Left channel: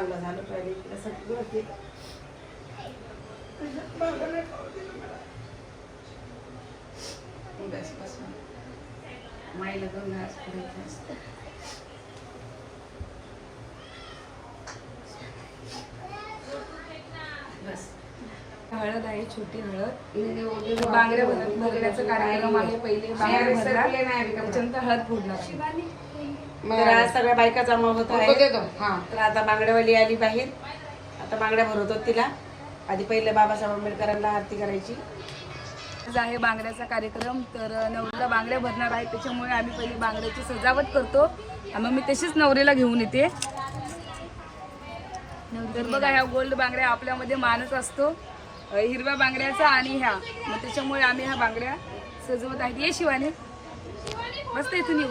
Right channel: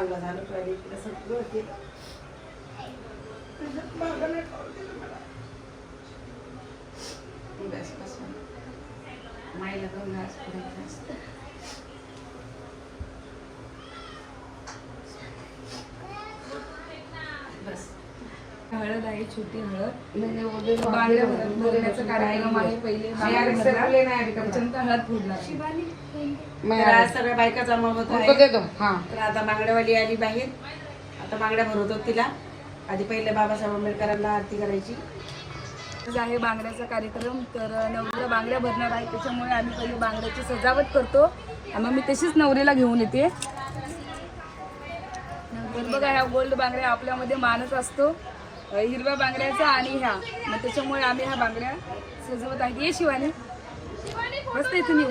चांगलं झालं इकडे सगळं मला. बस बस माईला दोन घास पडायचं असतं बस. हळद आहे छोटी हळद. म्हणजे बांगड्या भर- भरण्याचा कार्यक्रम आहे. पहिले बांगड्या भरणार त्याच्यानंतर हळद फोडणार. तर आज सगळ्या बायका जमा होत आहे हा. तर आता बांगड्यावाली आली बाहेर. आता बांगड्या भरवतो तिला. आधी पहिले बाबासाहेब आंबेडकरांना आरती करायची. आज आहे बांगड्याचा कार्यक्रम. तर नवरीला बांगड्या भरणार आहे. त्याच्यामुळे आम्ही पहिली बांगड्याची सजावट करतो. आणि मग मी तशीच नवरीला घेऊन येते. तर बघा ह्या गोल्ड बांगड्या आपल्यामध्ये मानच असतो. हिरव्या बांगड्याचा आणि ह्या. मग त्याच्यामुळे आम्ही ह्या बांगड्या सजवत आहे. ये शिवानी. मस्त इथून येऊ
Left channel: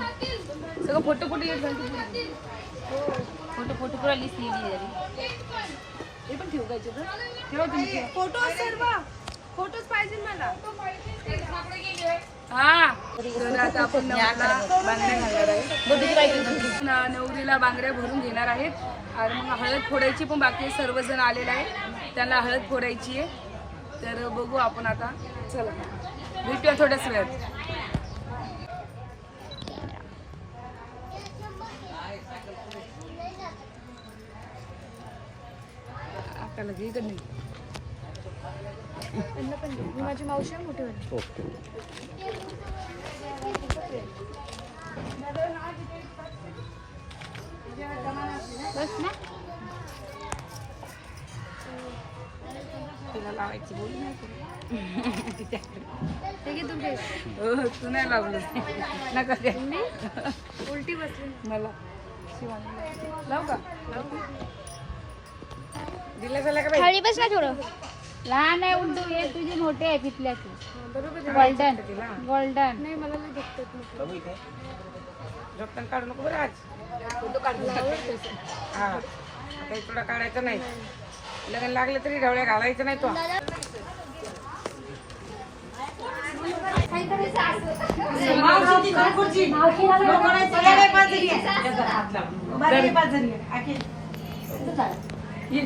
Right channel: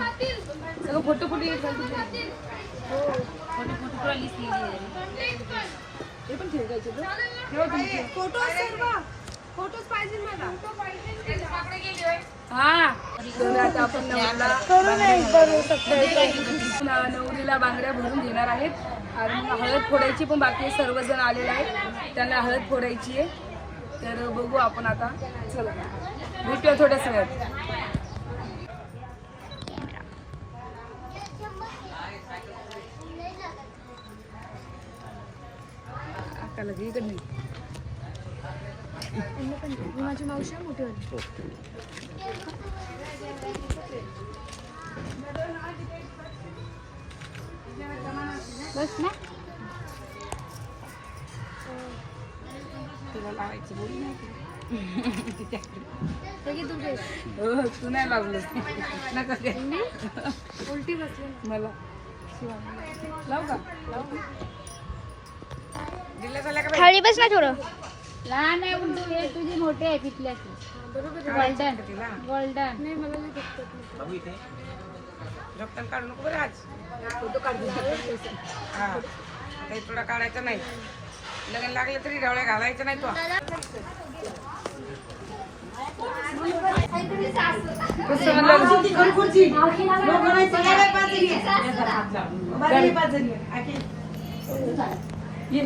सगळं फोटो फोटो येत घालतो पुढे. हो. फोटो फोटो पुरा लिस्ट हे पण ठेवू का याच्यात? ठेवा तुम्ही ठेवा. फोटो सर्व. फोटोच पाहिजे मला. हा. तर आता आपण नवरीला बांगड्या घालणार नवरीला बांगड्या भरून घेणार आहेत. आणि मग हळद फोडायची पण बाकी सर्वजण आलेले आहेत. त्यांना हळद फोडायची आहे. तर बघू आपण आता. चला. भेटूया थोड्याच वेळात. आकाला घे इकडे माझी मावशी आहे मोठी बस ना. तिला लावायची बोल नाही हे घे तुझे हो तू नाही लावलं नका घ्या. उलटी बसली. मला. शिवानी. लाव का? लाव. दिलं झालं का थाळी बस ना थोडं. लहान आहे उंटू हे तुझी मोठी आहे पिकल्याची गोल्डन गोल्डन हा. तुला काढायचं नाही. लग्न लागलं तरी ढवळ्या घालायचं नाही तो ये।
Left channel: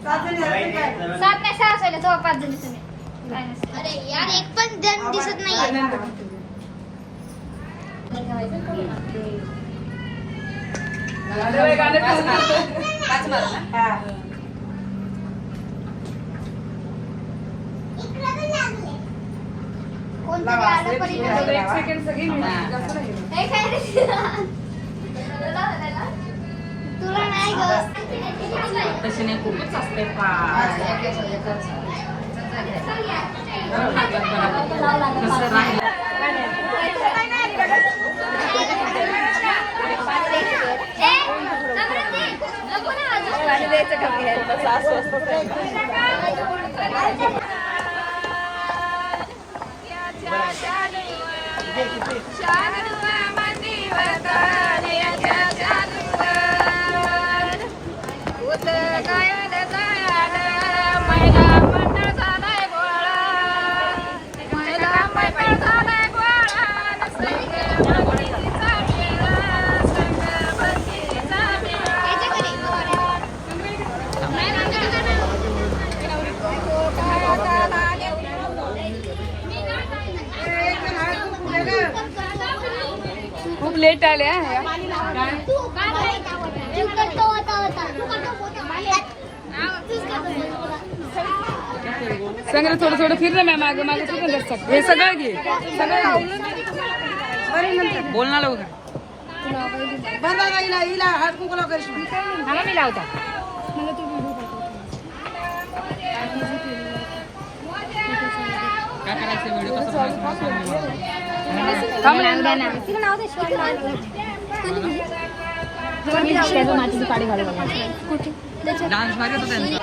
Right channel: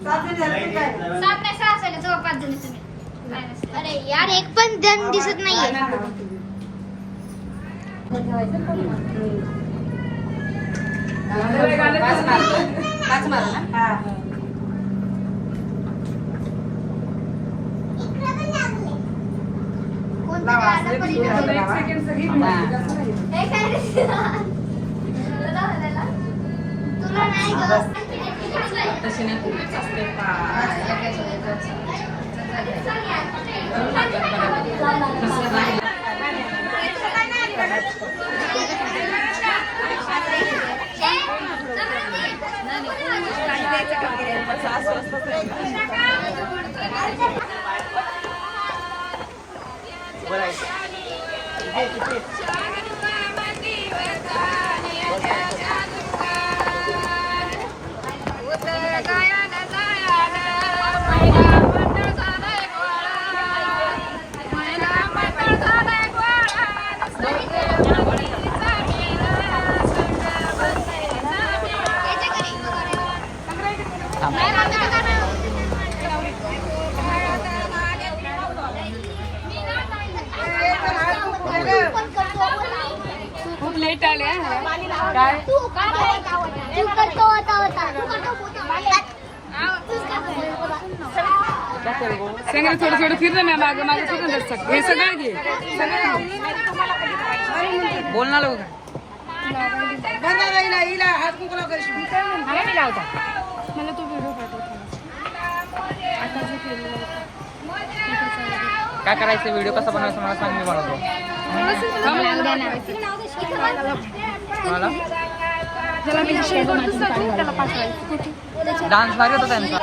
सात नाही सहा असायला तेव्हा पाच जणी तुम्ही अरे यार एक पण जण दिसत नाहीये. हा एक. सेकंड सगळी भेटली, जास्त नाही. तुला नाही ग तशी नाही खूपच असते. का करतो होता. सांग रे थोडं थोडं फिर ना मॅम मागं मागं फिर ना दर्शक हे सगळं घे. सगळं घे. बोल ना लवकर. बरं हिला हिला हात मला मी लावता. मला तू व्हिडिओ पाठव. काय करायचं? व्हिडिओ कसा बनवायचा मला सांग मी बनवतो. तुला नाव दे डान्स भारी होता त्यांचा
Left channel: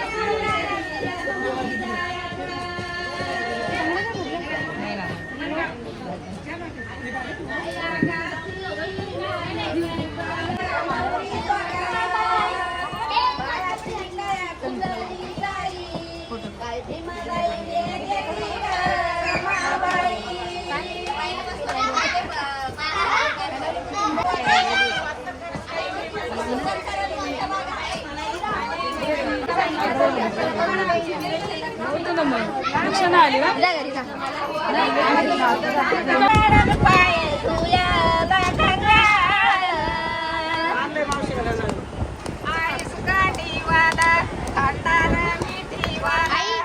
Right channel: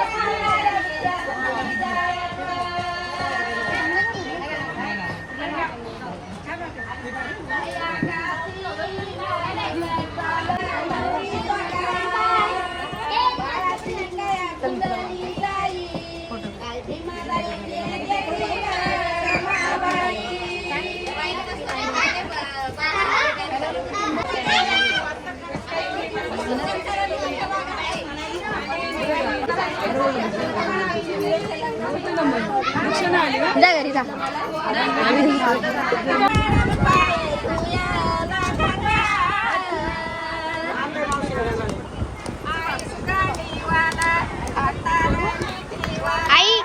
Thank you. होतं ना मग. लक्ष नाही आली ना जा घरी जा. आणलंय मावशीला घालायला. आई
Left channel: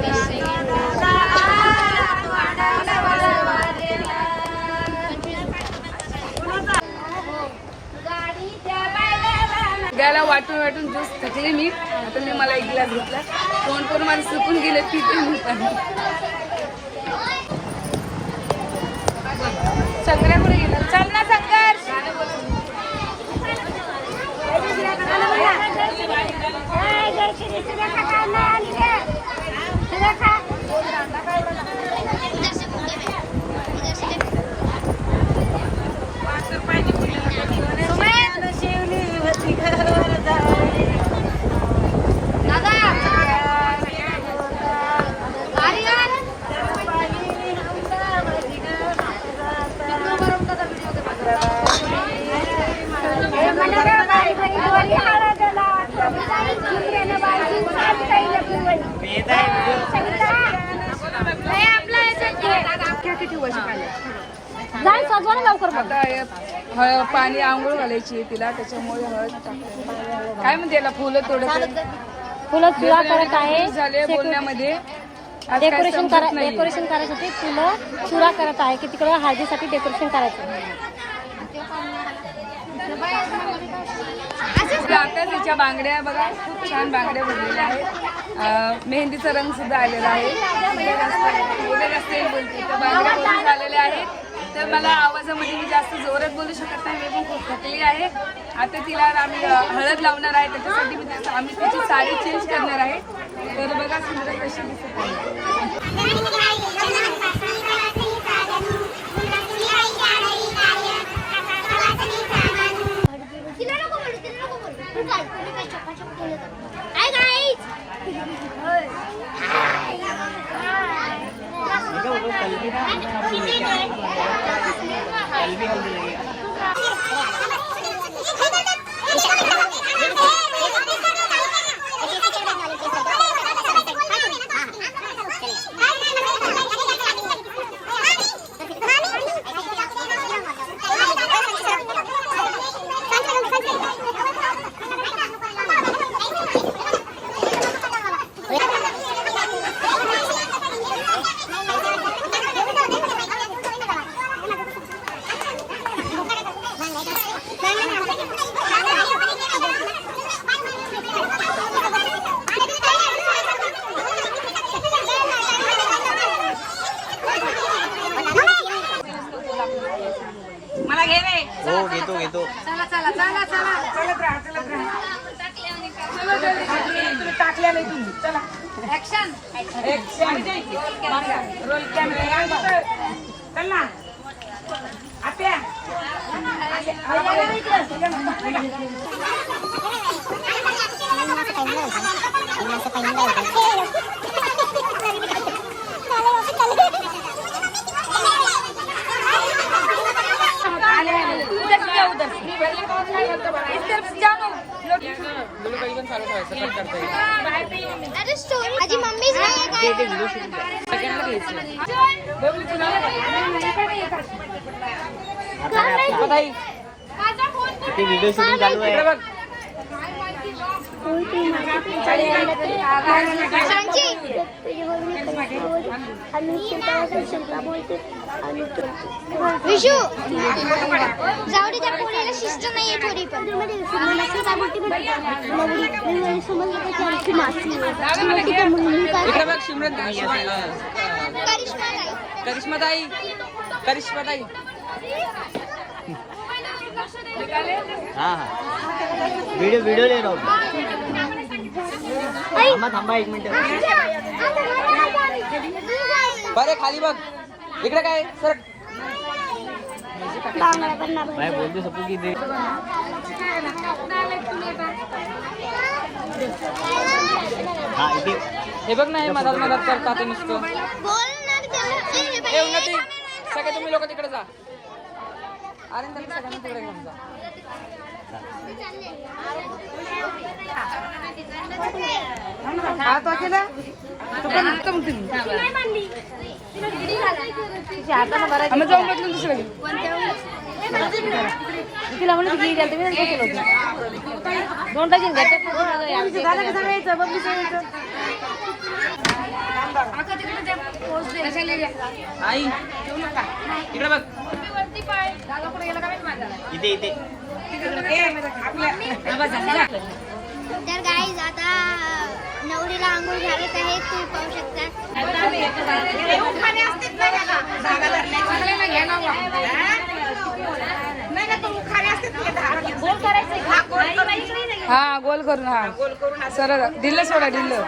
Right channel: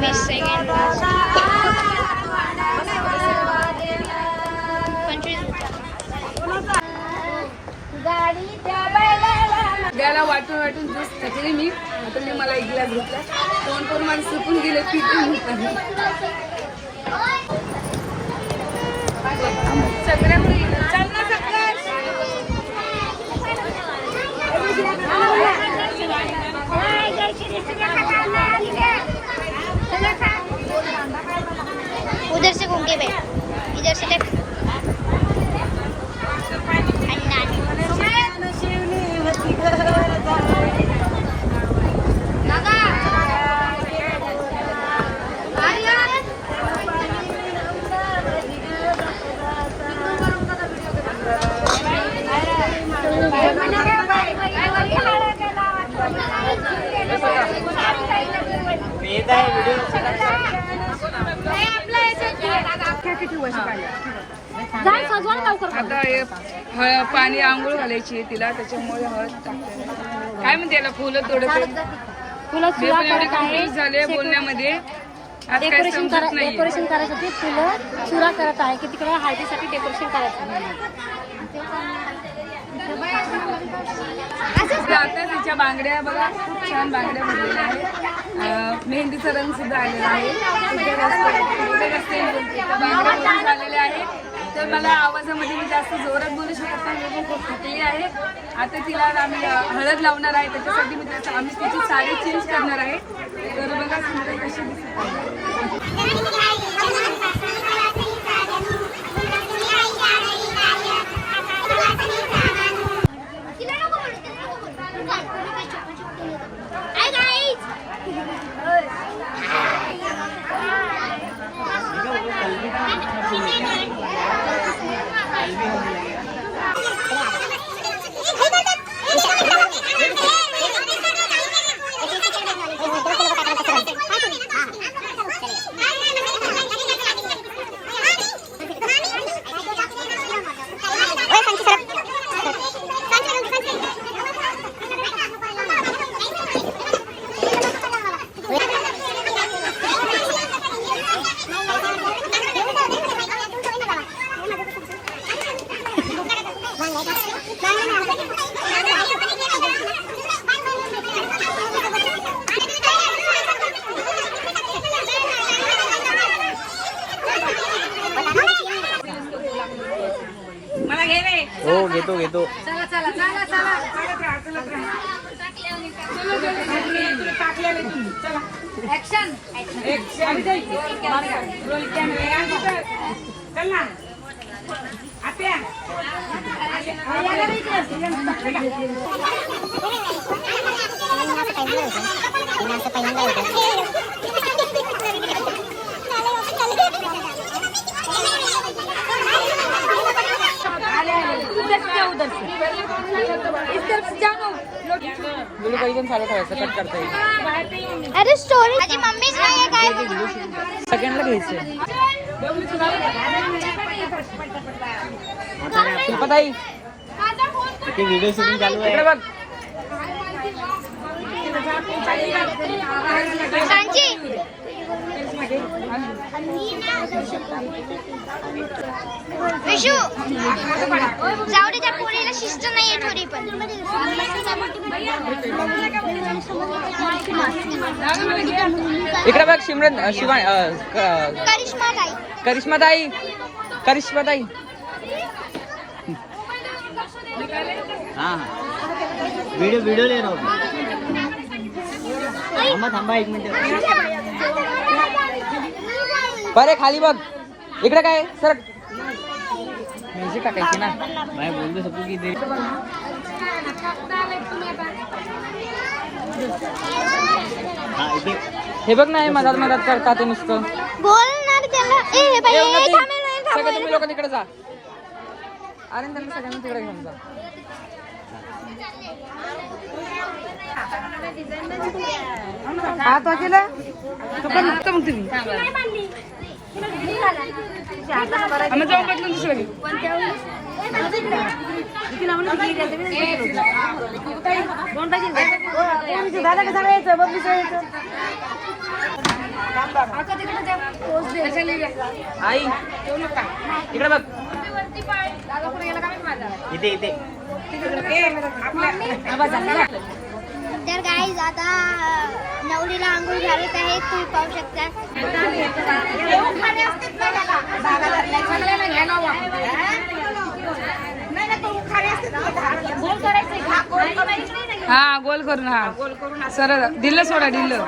वीस सेकंड सगळ्याला वाटून वाटून ज्यूस थकले मी. आता मी मला एक ग्लास घेतला. तोंड करून मला सुकून गेले तिथे मी पण सगळ्याकडे गेलं चल ना उधर से घूम के भाई इधर से देख आता हे पाणी आंघोळ घालायची तिला त्याच्यामुळे हळद टाकते. काय म्हणते याला फुलं थोडं फुलं एवढे कंप्लीट झाले बोलण्यामध्ये. डेकोरेशन नाही डेकोरेशन करायसाठी फुलं चुरा करत आहे की तिकडे हळदीसाठी डेकोरेशन करायचं आता तिच्या बांगड्या बघा खूप छान बांगड्या भरलेल्या आहेत. मेहंदीचा रंग सुद्धा आलेला आहे. बोलते त्या बांगड्या भरून झालेल्या आहेत. तर मला आवाजामध्ये मी जास्त जोरात बोलू शकत नाही मी पण खूप थकली आहे. आता तिला आम्ही हळद लावणार आहे त्याच्यासाठी मी त्याचं आम्ही तिची साडी चेंज करणार आहे. तर बघा सुंदर कशी दिसत आहे. तिला नको बोलू, तिला नको बोलू. तू काय, तुम्ही काय चपाचप केलं होतं? Hi guys. मला घे रे हो घेतो घेतो टाकल्या नाही तुम्ही चला. ऍक्शन ऍक्शन रोल कॅमेरा चल ना. आत्या. आले आले उधर से जाओ उधर से? इस तरफ से जाओ अरे स्टोरी माझी मम्मीच नाही आहे काय इथे व्हिडिओ शूटिंग चालू आहे सांची विशू जाऊ दे त्या पोरीला शिस्त नाहीये थोडी पण. इकडे बघ शिमरन शिवा करिश्मा ताई करिश्मा ताई करिश्मा ताई हा हा. व्हिडिओ व्हिडिओ ले राहू थांबा थांबा एक मिनिट. बरे खाली बघ. इकडे काय? सर. ना मैं बोलतो सबको की दे. हा इथे. हे बघ ना हे मधात मधात करता ते नुसतं. बोल ना त्याला. ए हे बाई ए, ए, उन्नती, थांबेल नाही, सगळे थांबेल. तुम्ही लोक तिकडे जा मग तुम्ही आम्ही जाऊन बदलून दुसरं घेऊ कशाला गेला? आई जेवू नका इकडे बघ दादा पुढे गेला का माहिती माझा इथे इथे. तर गाईज आता नवरीला आंघोळ घालत आहे. तुम्ही पाहू शकता. हा गोल करून. हा सरळ दिल्ल सोडा दिल्ल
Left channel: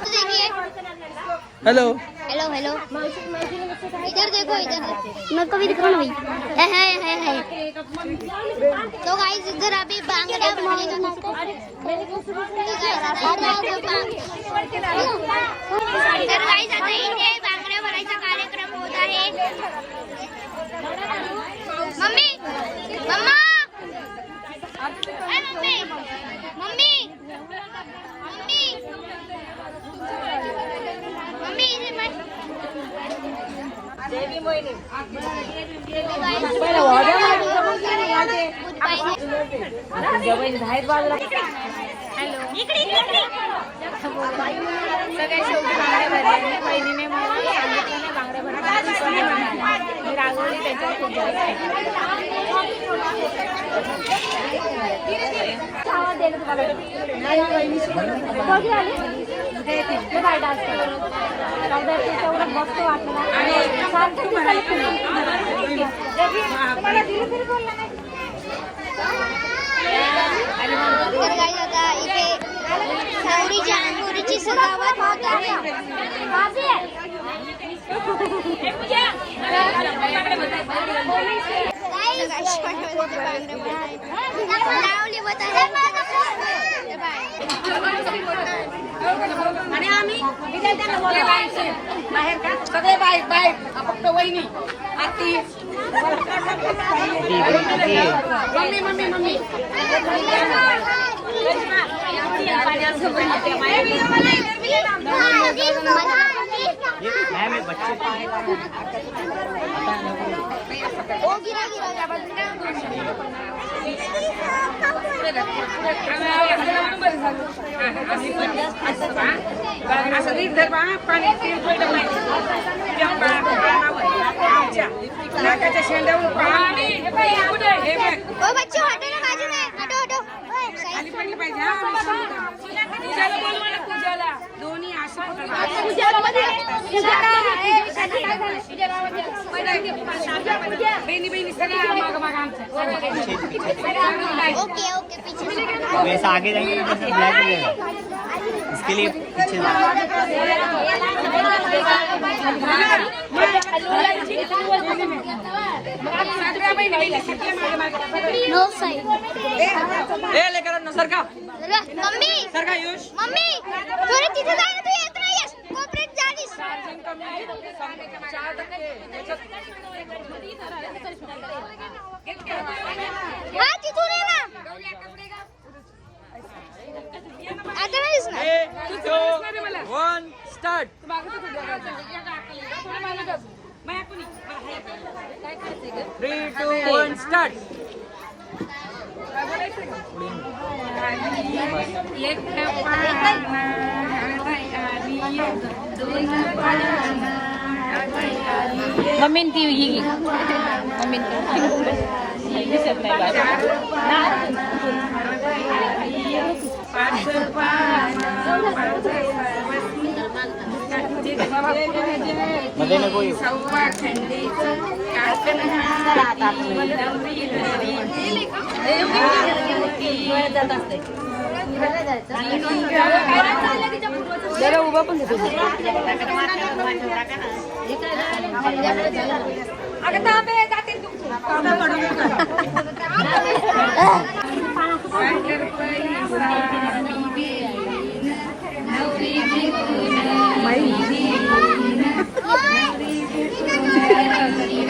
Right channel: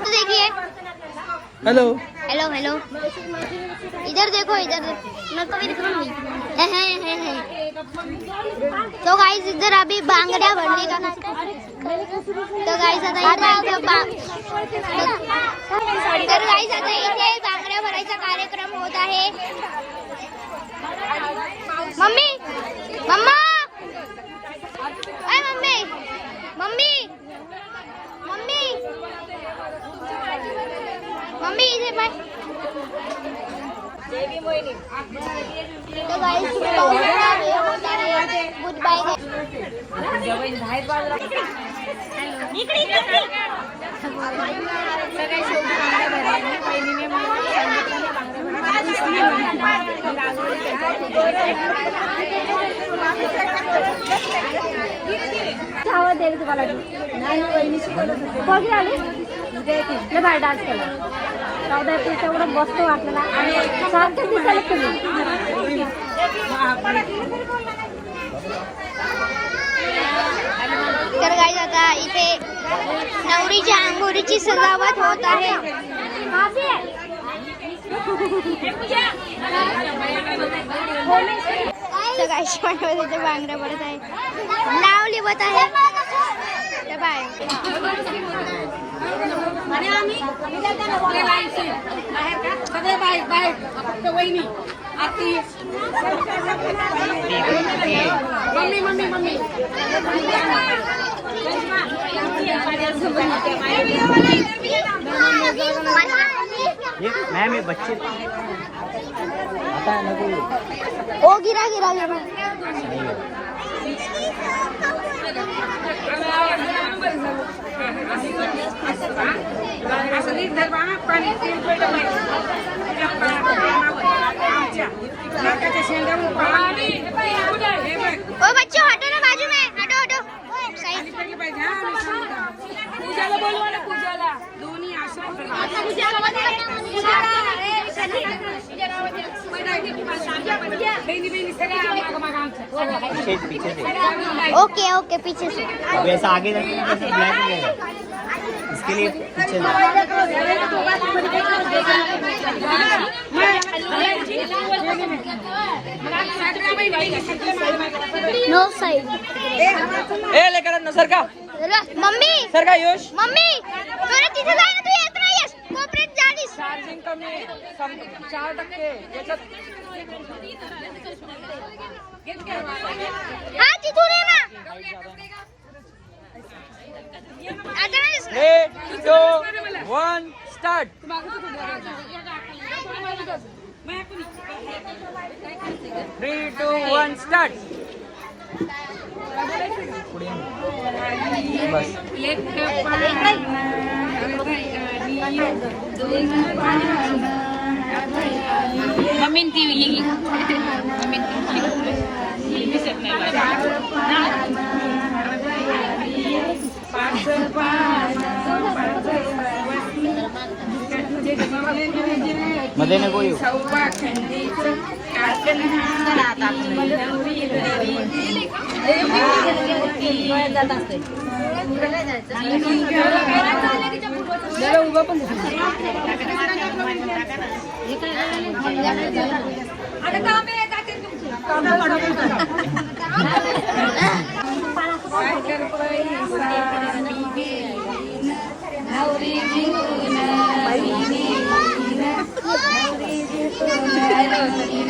देखिए। हॅलो। Hello hello. इधर देखो इधर। मैं तो भी दिख रहा है है है है। तो गाइस इधर अभी बांगड्या भरने का तो गाइस आता इथे बा- तर गाइस आता इथे बांगड्या भरायचा कार्यक्रम होत आहे mummy mamma. Mummy. Mummy! Mummy! Mummy इथे बघ सगळ्या शेवटी बांगड्या भरल्या. बहिणीने मला सांगितलं नाही बांगड्या भरल्या मी रागवली त्याच्यावर खूप तर काय आता इथे नवरीच्या अंगोरीची सजावट होत आहे. तर गाईज इथे बांगड्या पडत आहे नाव लिवत आहे. ते बाय. आणि आम्ही बाहेर का? सगळे बाहेर बाहेर. फक्त वहिनी आती मम्मी मम्मी मम्मी. मॅम हे बच्चे आता नको ओ गिरा गिरा असं नीट धर बा, पाणी तेल पडलं पाहिजे. तुझ्या पा- पानावर, आमच्या नाकाच्या शेंड्यावरून पाणी हे बघ, ओ बच्चो हटो ना बाजू में हटो हटो साइड खाली पडली पाहिजे हा, मी सांगतो. पूजाला बोलवा ना पूजाला दोन्ही असं पकड बहिणी बहिणी सगळ्या माग माग आमच्या ओके ओके पीछे से। अभी ऐसा आगे जाएंगे ना तो ब्लैक हो जाएगा। इसके लिए पीछे ना नो साइड ए लेकरांनो सर का। मम्मी सर का योश? मम्मी तुला तिथे जाय ना तू येत नाहीयेस. कोपऱ्यात जालीस हा तिथून ये ना. आता नाही दिसणार ए two one start three two one start एक पाना हलवाई आली दोन पाना हलवाई आली मम्मी ती ही मम्मी दिसत नाही चार पाना हलवाई आली पाच पाना पाच पार्वती मध्ये नको येऊ. सव्वा खंडीचं टाकण हाती नवरी म्हातारला येते ना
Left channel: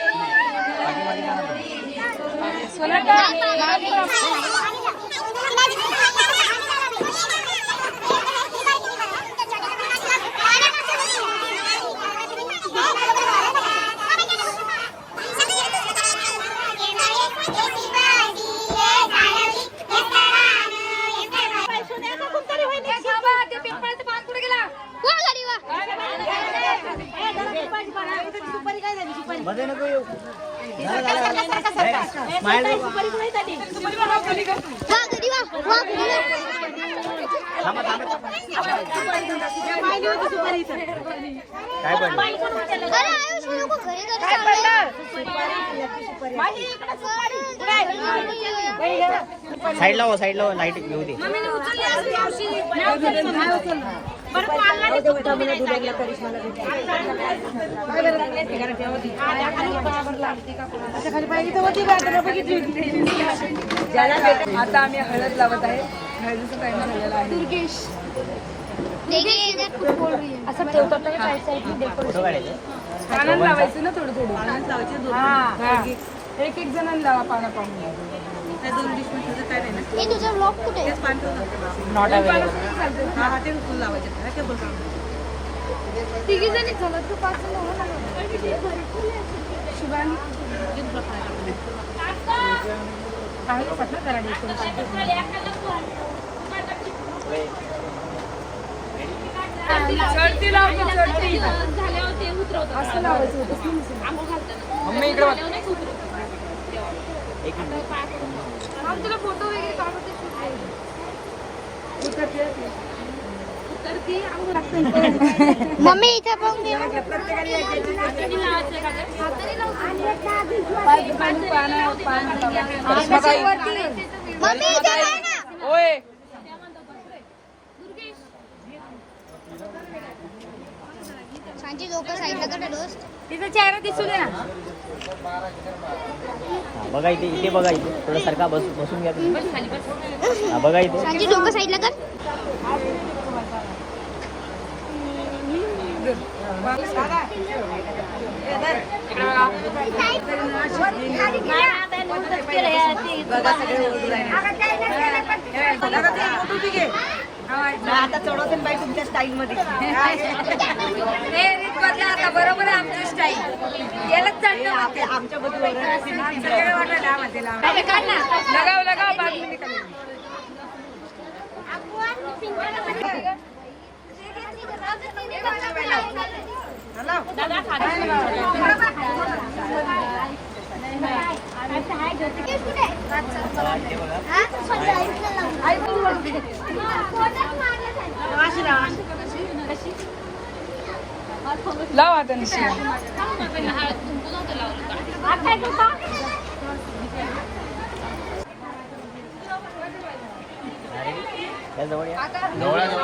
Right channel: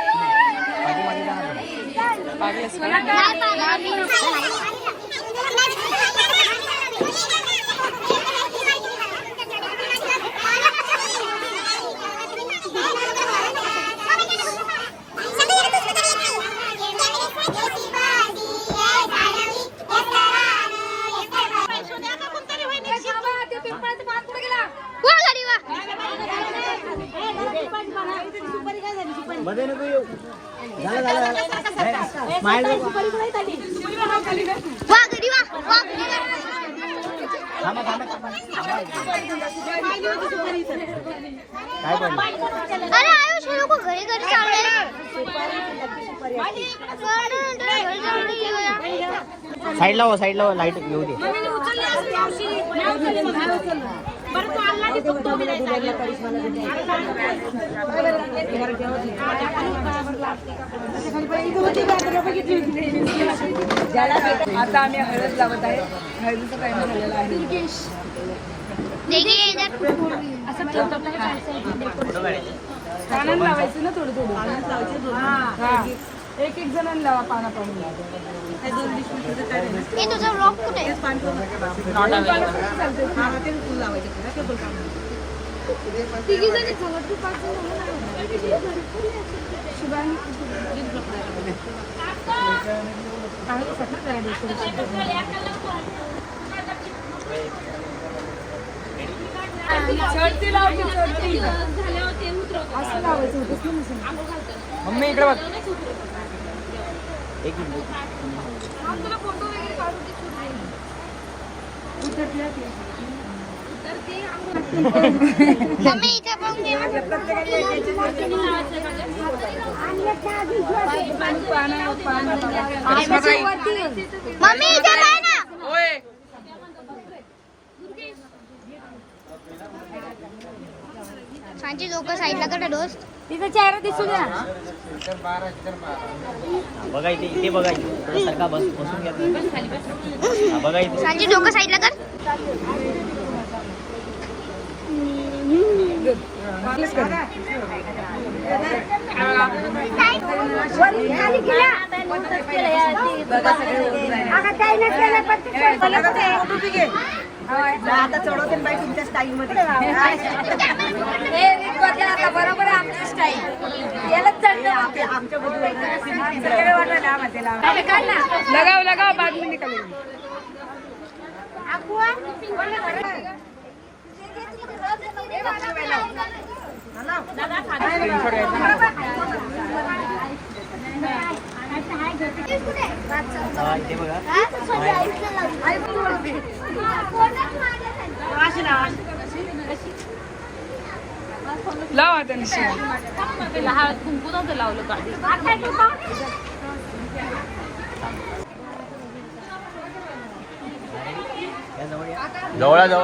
Padre. Suena साईडला हो साईडला हो लाइट घेऊ दे. आता आम्ही हळद लावत आहे. हळदीचा टाइम झालेला आहे. है असं पानानं लावायचं ना थोडं थोडं? हा. एक एक जणांना लावा पाना पाहून हे तुझा ब्लॉग कुठे? आहे? तिघी जणी झालं तू पाच जण हो ना चढती चढती. असं लावायचं होतं. ना मग. मम्मी इकडे बघ. एक मिनिट. तुला फोटो वगैरे काढू दे उतरते मम्मी इथे पण दे. पाना पाना मम्मी इथे काय ना. ओय सांची लोक साईडला कडे डोस. तिचा चेहरा दिसू दे ना. बघा इथे इथे बघा इथे थोडं सरका बस बसून घ्या तुम्ही. हा, बघा इथे सांची लोक साईडला कर. आता चढवते बाई तुमच्या स्टाईल मध्ये. बरोबर आहे आमची स्टाईल याला चढतो आमच्या बद्दल सगळे वाटायला लगाव लगाव लाव आता निश्चित या जवळ. या. जवळ जवळ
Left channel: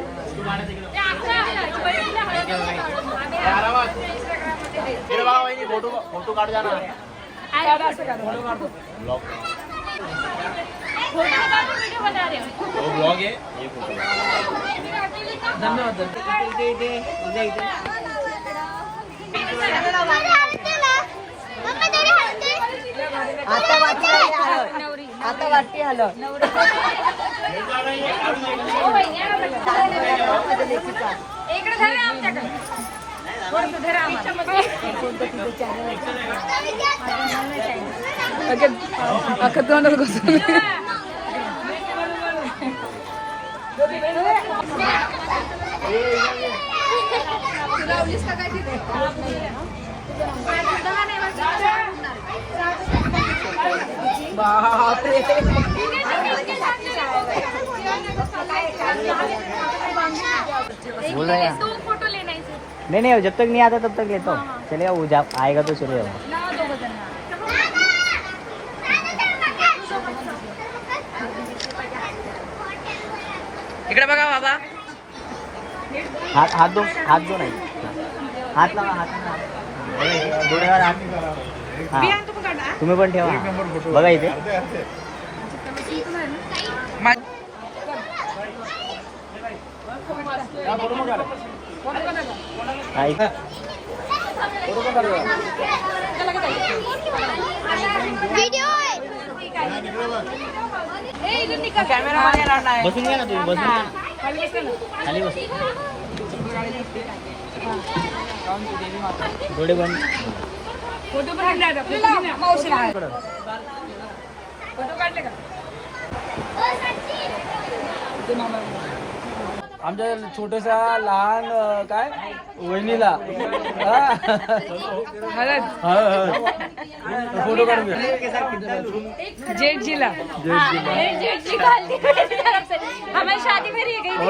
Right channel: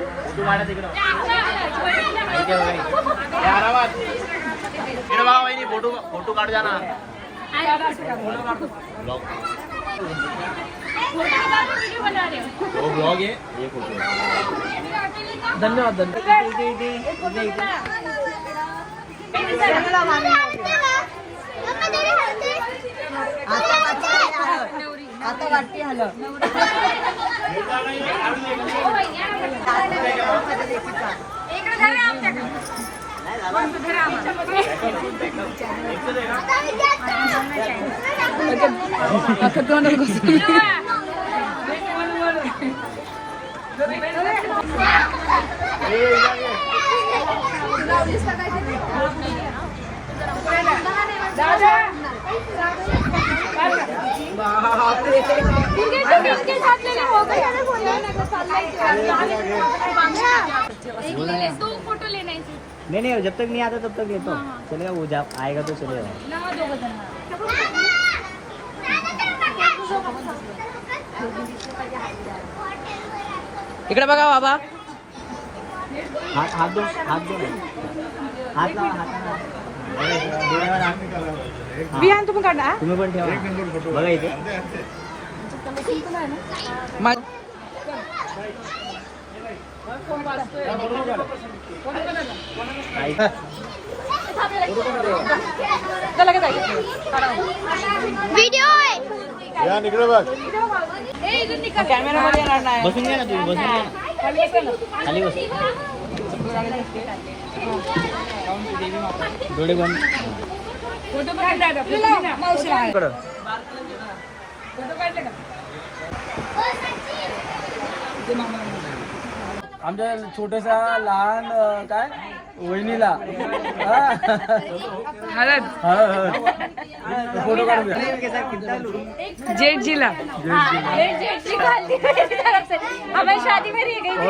पे लावा तुम्ही, लावा. धन्यवाद धन्यवाद इथे इथे इथे इथे आता वाटते हलं अख्खं अख्खं तोंडात घुसून. बोल रहे फोटो लेना है नहीं नहीं जब तक नहीं आता तब तक लेता हूँ चलेगा वो जा आएगा तो हा. इकडे बघा बाबा. हात हात दो हात दो नाही. हात लावा हात डोळ्यावर हात. हा. तुम्ही पण ठेवा. बघा इथे. हा. बसून घ्या ना तुम्ही बसून घ्या. ना खाली बसा ना. खाली बस. डोळे बंद. फोटो काढले. फोटो का? आमच्या छोट्याशा लहान काय? वहिनीला. हा. हळद. हा, हा. फोटो काढून द्या जेठ जिला जी खाली मेरी तरफ से हमें शादी में रह गई थी